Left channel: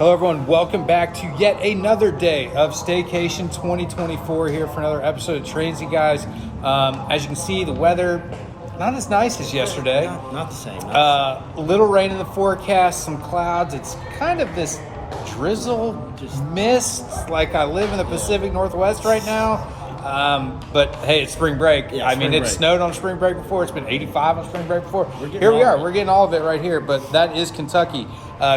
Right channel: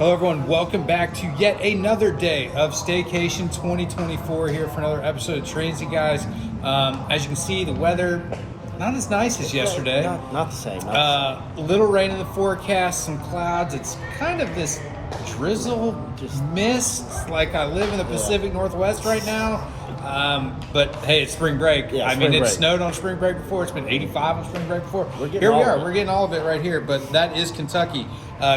Hello, everyone. Welcome back to yet another day of Staycation 2024 here for another episode of Transy, guys. As you can see, the weather not as nice as yesterday. Not the same. A little rain in the forecast, some clouds. It's kind of this drizzle, mist, like I live in the Pacific Northwest right now. But hey, it's spring break. Yeah, It snowed on spring break before. It's been 85 on spring break before. Here we are. We're getting all of it right here. But that is Kentucky.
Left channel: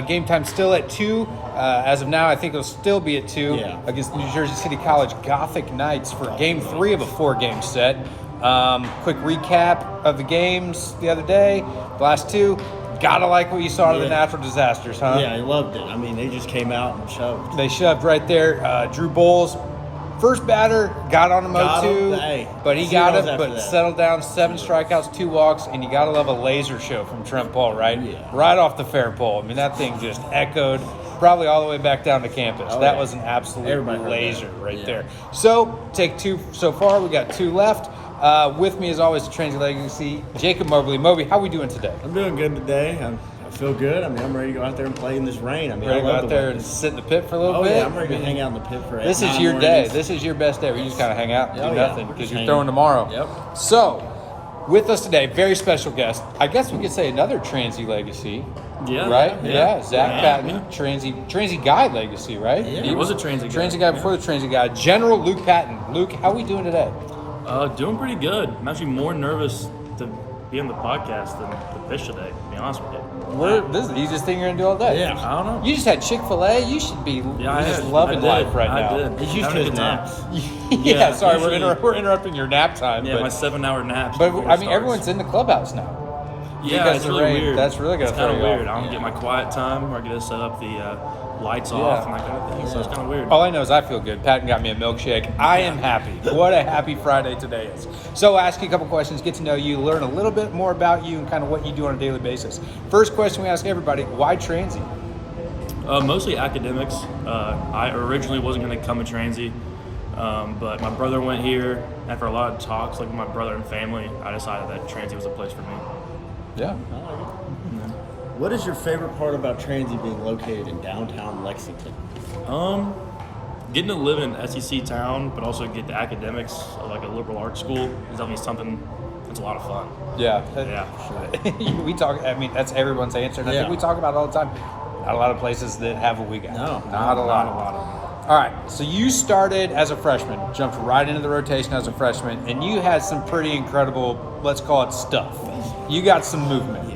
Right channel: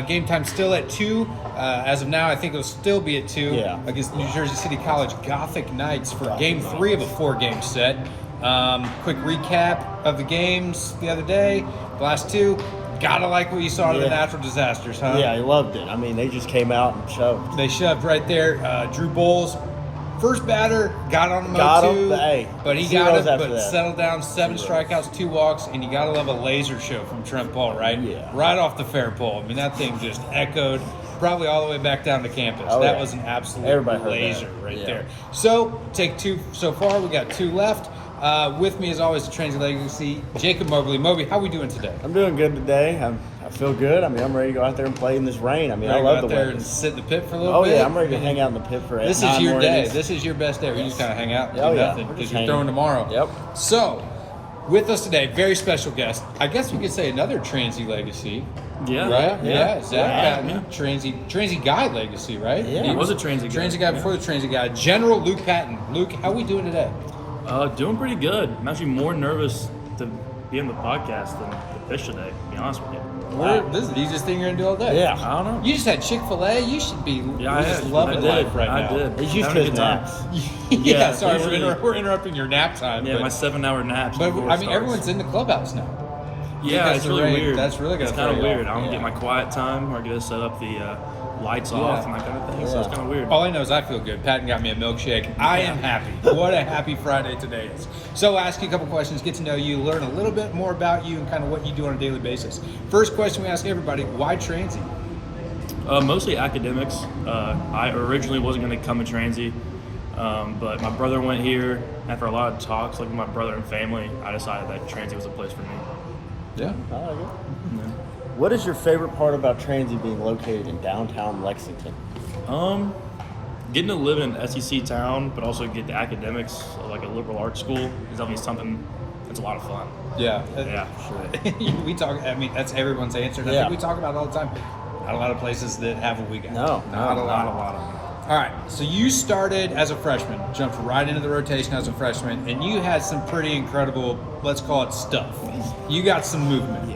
Game time still at 2. As of now, I think it'll still be at 2 against New Jersey City College Gothic Knights for Game 3 of a 4-game set. Quick recap of the games the other day. The last 2. Gotta like what you saw of the natural disasters, huh? Yeah, I loved it. I mean, they just came out and shoved. They shoved right there. Drew Bowles, first batter, got on him 0-2, but he got it, but settled down, 7 strikeouts, 2 walks, and you gotta love a laser show from Trent Paul, right? Yeah. Right off the fair pole. I mean, that thing just echoed probably all the way back down to campus. That was an absolute laser right there. So, take 2 so far. We got 2 left. With me, as always, the Transy Legacy, Jacob Mobley. Moby, how are we doing today? I'm doing good today. I feel good. I mean, I'm ready to go out there and play in this rain. I mean, I love the weather. And sit in the pit for a little bit. Oh, yeah, I'm ready to hang out in the pit for 8 This is your day. This is your best day. We just kind of hang out and do nothing because you're throwing tomorrow. Yep. So, with us today, very special guest. I guess we could say another Transy Legacy. Yeah. Right? Yeah. Zach Patton, Transy Guy Legacy, right? Yeah. He was a Transy guy. Transy Guy before the Transy Guy. General Luke Patton. Luke, how are we doing today? Doing pretty good. I'm actually more nervous to be on the podcast than to fish today, to be honest with you. This is the easiest thing you're going to do all day. Yeah, I don't know. You just had Chick-fil-A. You should be just loving life right now. I did. He's used to his naps. Yeah, sorry, we're interrupting your nap time. Yeah, my 7-hour naps. But I mean, everyone's in the clubhouse now. Yeah, it's really weird. That's really good. It's kind of weird. I don't get my quiet time where I get to set up the lights off and that kind of thing. So it's kind of weird. All I know is I feel good. Patton got me a milkshake. I am happy. What a happy Friday today is. So I'll ask you a couple questions, get to know you, learn a little bit more about you and kind of what you do on a daily basis. First question we ask everybody, why Transy? Mostly academics. I originally wasn't going to come to Transy, but my brother went here. After a lot of talks like with my brother and family, I decided that Transy was the place for me. Yeah, I like it. Yeah. What is your favorite part about Transy being located in downtown Lexington? Getting to live in an SEC town, but also get the academics of like a liberal arts school is definitely something that's a lot of fun. Yeah. Sure. We talk, I mean, that's everyone's answer. And I think we talk about it all the time. Not a lot of places that have what we got. Not a lot of them. All right, so you started as a freshman, jumped right into the rotation as a freshman, and you had some pretty incredible, let's call it stuff. You got some movement.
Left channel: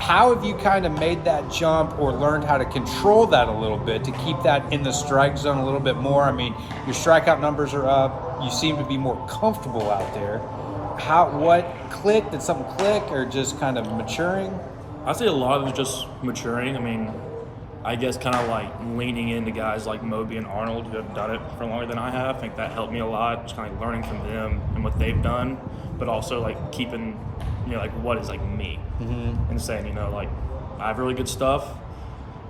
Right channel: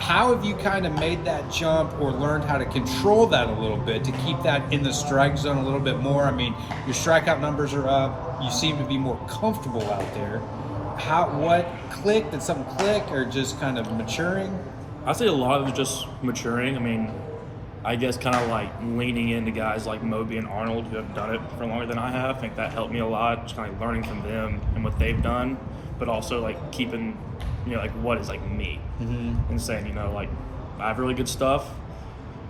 How have you kind of made that jump or learned how to control that a little bit to keep that in the strike zone a little bit more? I mean, your strikeout numbers are up. You seem to be more comfortable out there. What clicked? Did something click or just kind of maturing? I'd say a lot of it just maturing. I mean, I guess kind of like leaning into guys like Moby and Arnold who have done it for longer than I have. I think that helped me a lot, just kind of learning from them and what they've done, but also like keeping, like what is like me and saying, like I have really good stuff,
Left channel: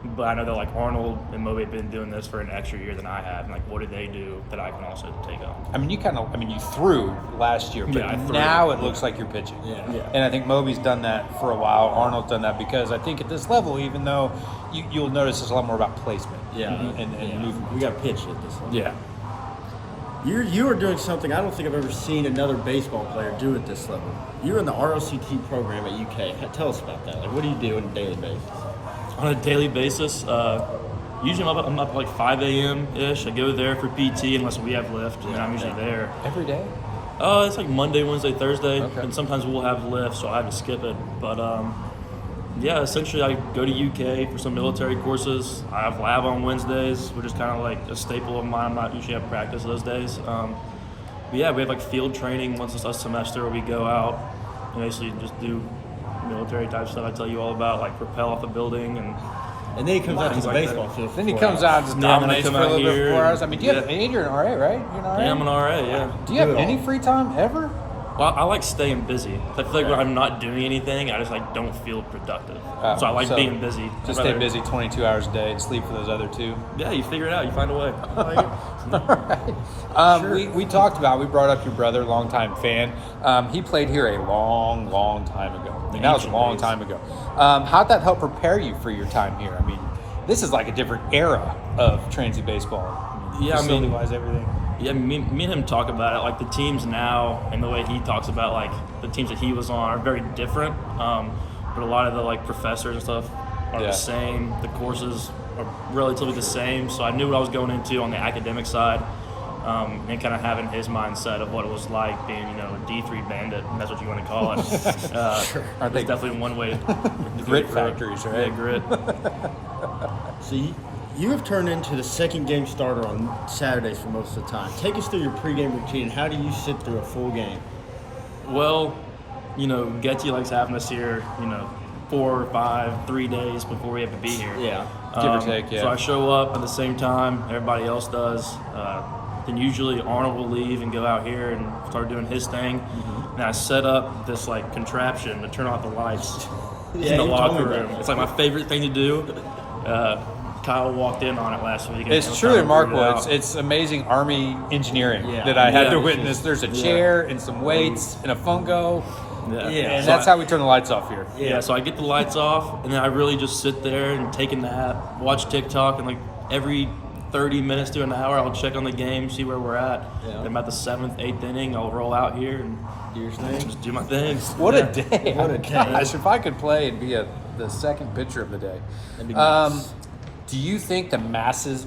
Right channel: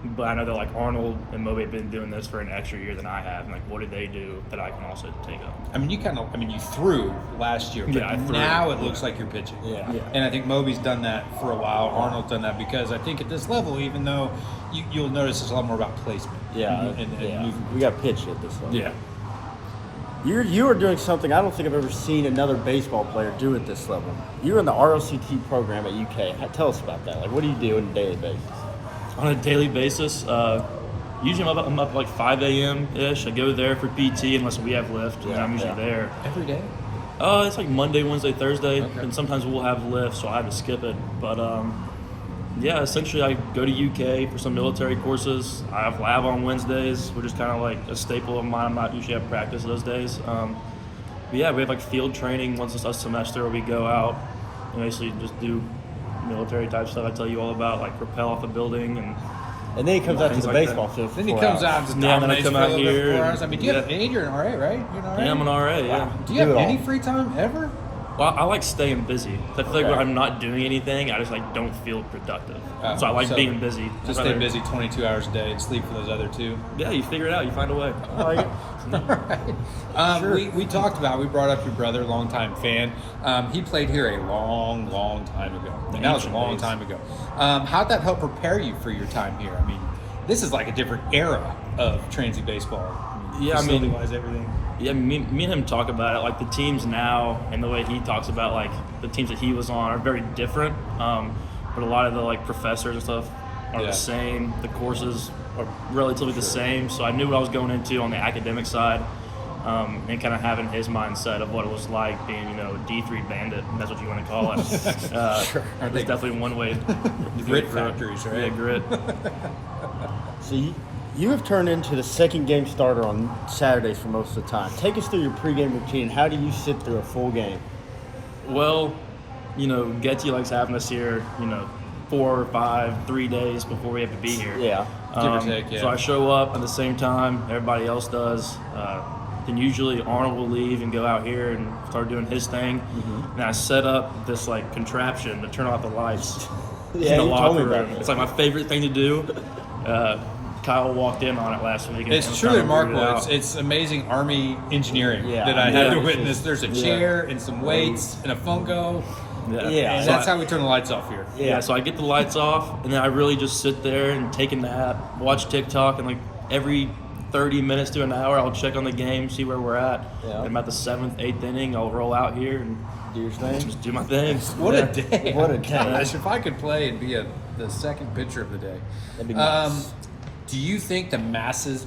but I know that like Arnold and Moby have been doing this for an extra year than I have, and like what did they do that I can also take on? I mean, you threw last year, but now it looks like you're pitching. And I think Moby's done that for a while. Arnold's done that because I think at this level, even though you'll notice it's a lot more about placement. And movement. We got pitch at this level. Yeah. You are doing something I don't think I've ever seen another baseball player do at this level. You're in the ROCT program at UK. Tell us about that. Like, what do you do on a daily basis? On a daily basis, usually I'm up like 5 a.m.-ish. I go there for PT unless we have lift, and then I'm usually there. Every day? It's like Monday, Wednesday, Thursday, and sometimes we'll have lift, so I have to skip it. But essentially I go to UK for some military courses. I have lab on Wednesdays, which is kind of like a staple of mine. I'm not usually at practice those days. But we have like field training once a semester where we go out and basically just do military type stuff I tell you all about, like rappel off a building and then he comes out to the baseball field. Then he comes out and just dominates for a little bit for 4 hours. I mean, do you have you're an RA, right? You're an RA? Yeah, I'm an RA, Do you have any free time ever? Well, I like staying busy. I feel like when I'm not doing anything, I just like don't feel productive. So I like being busy. Just stay busy 22 hours a day and sleep for those other 2. Yeah, you figure it out. You find a way. All right. We talked about, we brought up your brother, longtime fan. He played here a long time ago. That was a long time ago. How'd that help prepare you for your time here? I mean, this is like a different era of Transy baseball. Yeah, I mean, Facility-wise, everything. Yeah, me and him talk about it. Like the teams now, and the way he talks about like the teams that he was on are very different. But a lot of the like professors and stuff are the same. The courses are relatively the same. So I knew what I was going into on the academic side, and kind of having his mindset of what it was like being, a D3 bandit. And that's what you want to call it. Sure. There's definitely one way. Grit factories, right? Yeah, grit. So you have turned into the second game starter on Saturdays for most of the time. Take us through your pregame routine. How do you sit through a full game? Well, Getty likes having us here, 4 or 5, 3 days before we have to be here. Yeah. Give or take, yeah. So I show up at the same time everybody else does. Then usually Arnold will leave and go out here and start doing his thing. Mm-hmm. And I set up this like contraption to turn off the lights in the locker room. It's like my favorite thing to do. Kyle walked in on it last week. And it's truly remarkable. It's amazing Army engineering that I had to witness. There's a chair and some weights and a fungo. Yeah. And that's how we turn the lights off here. Yeah, so I get the lights off, and then I really just sit there and take a nap, watch TikTok, and like every 30 minutes to an hour, I'll check on the game, see where we're at. Yeah. I'm at the 7th, 8th inning. I'll roll out here and do your thing. Just do my thing. What a day! What a day! Gosh, if I could play and be the second pitcher of the day. That'd be nice. Do you think the massive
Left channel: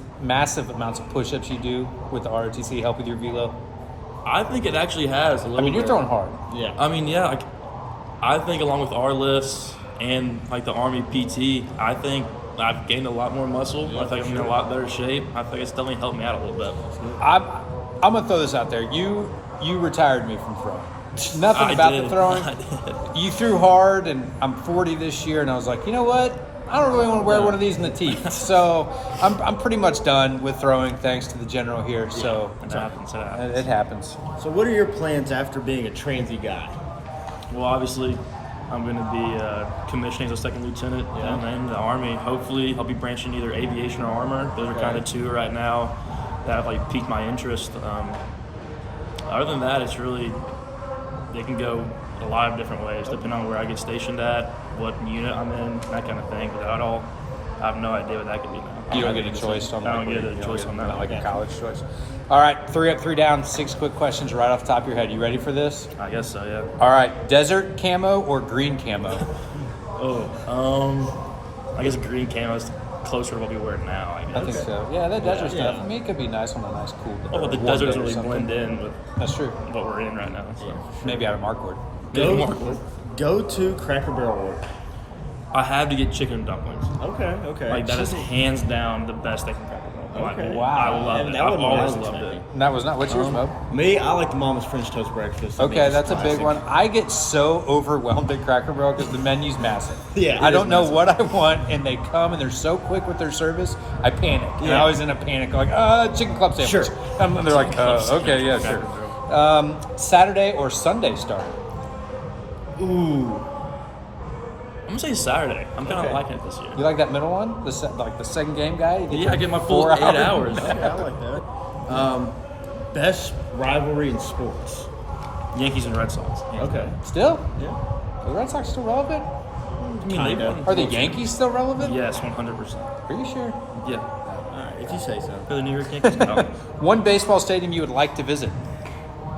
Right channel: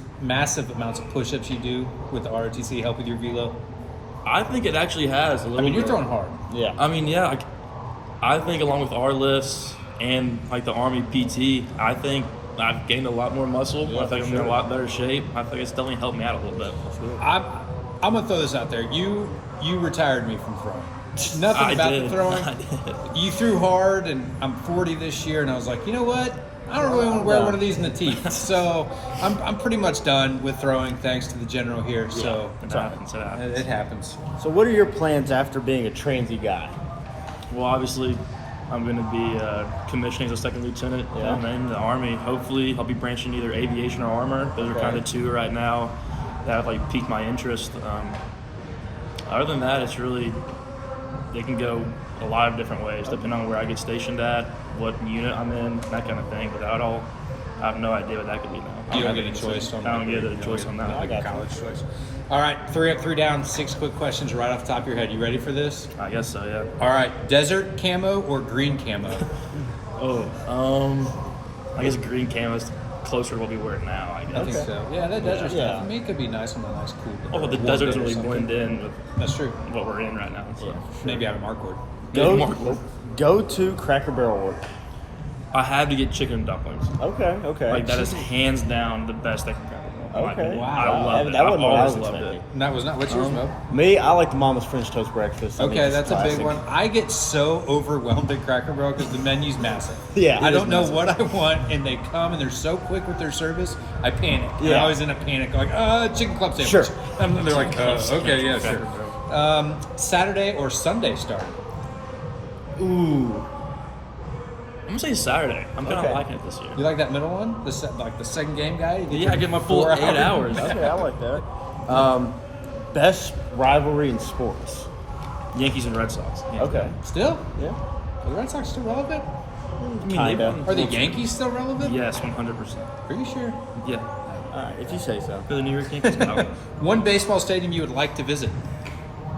amounts of push-ups you do with the ROTC help with your velo? I think it actually has a little bit. You're throwing hard. Yeah. I mean, yeah. I think along with our lifts and like the Army PT, I think I've gained a lot more muscle. I think I'm in a lot better shape. I think it's definitely helped me out a little bit. I'm gonna throw this out there. You retired me from throwing. Nothing about the throwing. I did. You threw hard, and I'm 40 this year, and I was like, you know what? I don't really want to wear one of these in the teeth. So I'm pretty much done with throwing, thanks to the general here. Yeah, so it happens. It happens. So what are your plans after being a Transy guy? Well, obviously, I'm going to be commissioning as a second lieutenant, and then the Army. Hopefully, I'll be branching either aviation or armor. Those are kind of two right now that have like piqued my interest. Other than that, it's really they can go a lot of different ways depending on where I get stationed at, what unit I'm in, that kind of thing. But that all, I have no idea what that could be now. You don't get a choice on that. I don't get a choice on that. Like a college choice. All right, 3 up, 3 down, 6 quick questions right off the top of your head. You ready for this? I guess so, yeah. All right, desert camo or green camo? I guess green camo is closer to what we wear now, I guess. I think so. Yeah, that desert stuff. I mean, it could be nice on a nice cool day. Oh, but the deserts really blend in with That's true. what we're in right now. So. Maybe out of Markwood. Go to Cracker Barrel order. I have to get chicken dumplings. Okay. Like, that is hands down the best thing from Cracker Barrel. in my opinion. Wow. I love it. I've always loved it. And that was not, what's yours, Mo? Me, I like the Mama's French Toast Breakfast. Okay, that's a big one. I get so overwhelmed at Cracker Barrel because the menu's massive. Yeah, I don't know what I want, and they come and they're so quick with their service. I panic. Yeah. I was in a panic, like, chicken club sandwich. Sure. And they're like, okay, yeah, sure. Saturday or Sunday starter? Ooh. I'm going to say Saturday. I'm kind of liking it this year. You like that middle one? The second game guy? Yeah, I get my full 8 hours. Okay, I like that. Best rivalry in sports? Yankees and Red Sox. Yeah. Okay. Still? Yeah. Are the Red Sox still relevant? I mean, they won. Are the Yankees still relevant? Yes, 100%. Are you sure? Yeah. All right, if you say so. For the New York Yankees? No. One baseball stadium you would like to visit?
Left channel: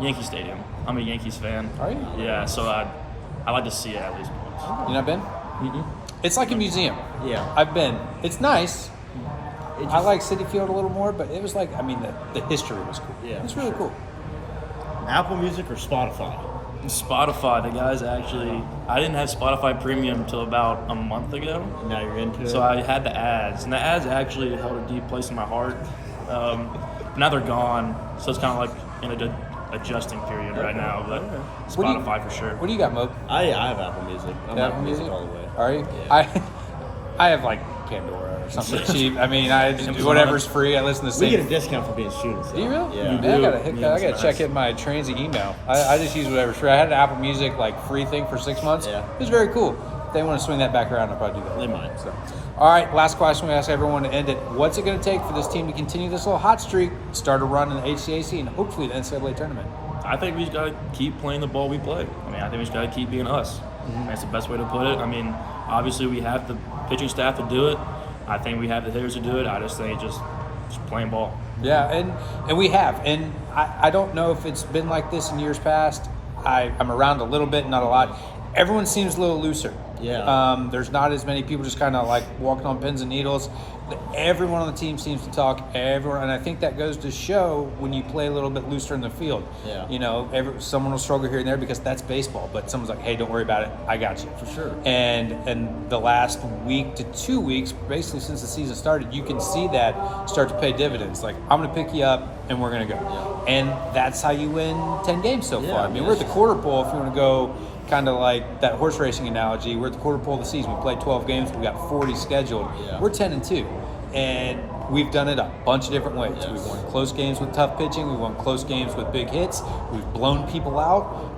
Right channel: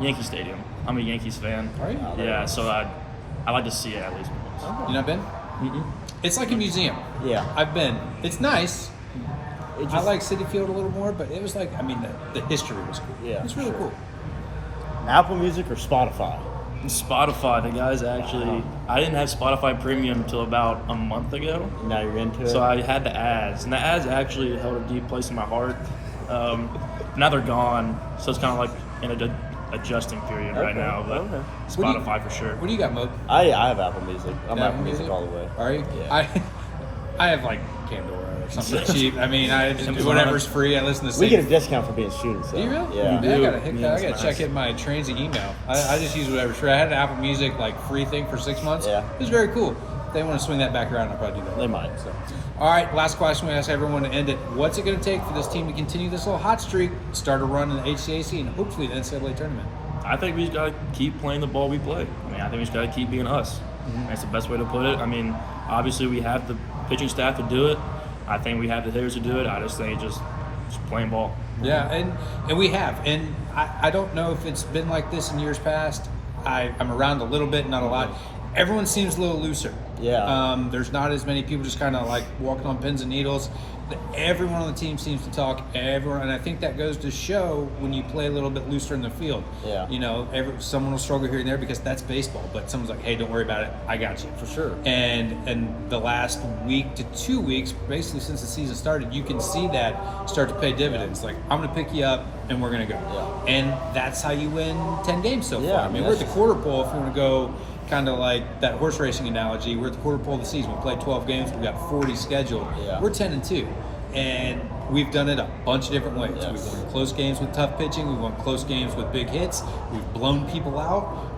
Yankee Stadium. I'm a Yankees fan. Are you? Yeah, so I like to see it at least once. Okay. You not been? Mm-mm. It's like a museum. Yeah. I've been. It's nice. I like Citi Field a little more, but it was like, I mean, the history was cool. Yeah, it's really cool. Apple Music or Spotify? Spotify. The guys actually, I didn't have Spotify Premium until about a month ago. Now you're into it? So I had the ads, and the ads actually held a deep place in my heart. Now they're gone, so it's kind of like in a adjusting period right now, but Spotify for sure. What do you got, Mo? I have Apple Music. I'm Apple Music all the way. Are you? Yeah. I have like Pandora or something cheap. I mean, I just do whatever's free. I listen to. We get a discount for being students. Do you really? Yeah. I gotta check in my Transy email. I just use whatever's free. I had an Apple Music like free thing for 6 months. Yeah. It was very cool. If they want to swing that back around, I'll probably do that. They might. So. All right, last question we ask everyone to end it. What's it going to take for this team to continue this little hot streak, start a run in the HCAC, and hopefully the NCAA tournament? I think we just got to keep playing the ball we play. I mean, I think we just got to keep being us. That's the best way to put it. I mean, obviously we have the pitching staff to do it. I think we have the hitters to do it. I just think just playing ball. Yeah, and we have. And I don't know if it's been like this in years past. I'm around a little bit, not a lot. Everyone seems a little looser. Yeah. There's not as many people just kind of like walking on pins and needles. Everyone on the team seems to talk. Everyone, and I think that goes to show when you play a little bit looser in the field. Yeah. You know, someone will struggle here and there because that's baseball. But someone's like, "Hey, don't worry about it. I got you." For sure. And the last week to 2 weeks, basically since the season started, you can see that start to pay dividends. Like, I'm going to pick you up and we're going to go. Yeah. And that's how you win 10 games so Yeah, far. I I mean, mean, we're at the that's- quarter pole if you want to go kind of like that horse racing analogy. We're at the quarter pole of the season. We played 12 games. We got 40 scheduled. Yeah. We're 10-2. And we've done it a bunch of different ways. Yes. We've won close games with tough pitching. We've won close games with big hits. We've blown people out.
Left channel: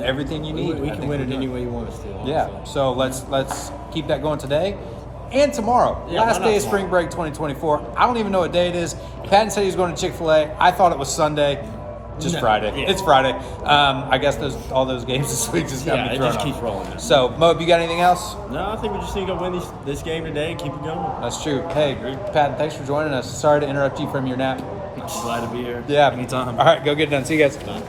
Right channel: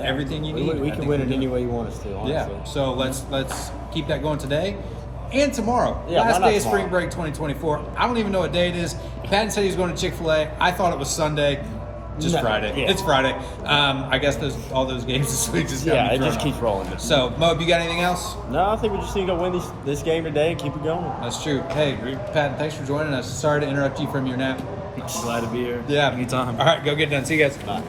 Everything you need. We I can think win we're it any doing. way you want us to, honestly. Yeah. So let's keep that going today and tomorrow. Yeah, Last why not day of spring tomorrow? break 2024. I don't even know what day it is. Patton said he was going to Chick-fil-A. I thought it was Sunday. Just No, Friday. yeah. It's Friday. I guess all those games this week just got Yeah, me it thrown just off. keeps rolling. So, Mo, you got anything else? No, I think we just need to go win this game today and keep it going. That's true. Hey, Patton, thanks for joining us. Sorry to interrupt you from your nap. Glad to be here. Yeah. Anytime. All right, go get it done. See you guys. Bye.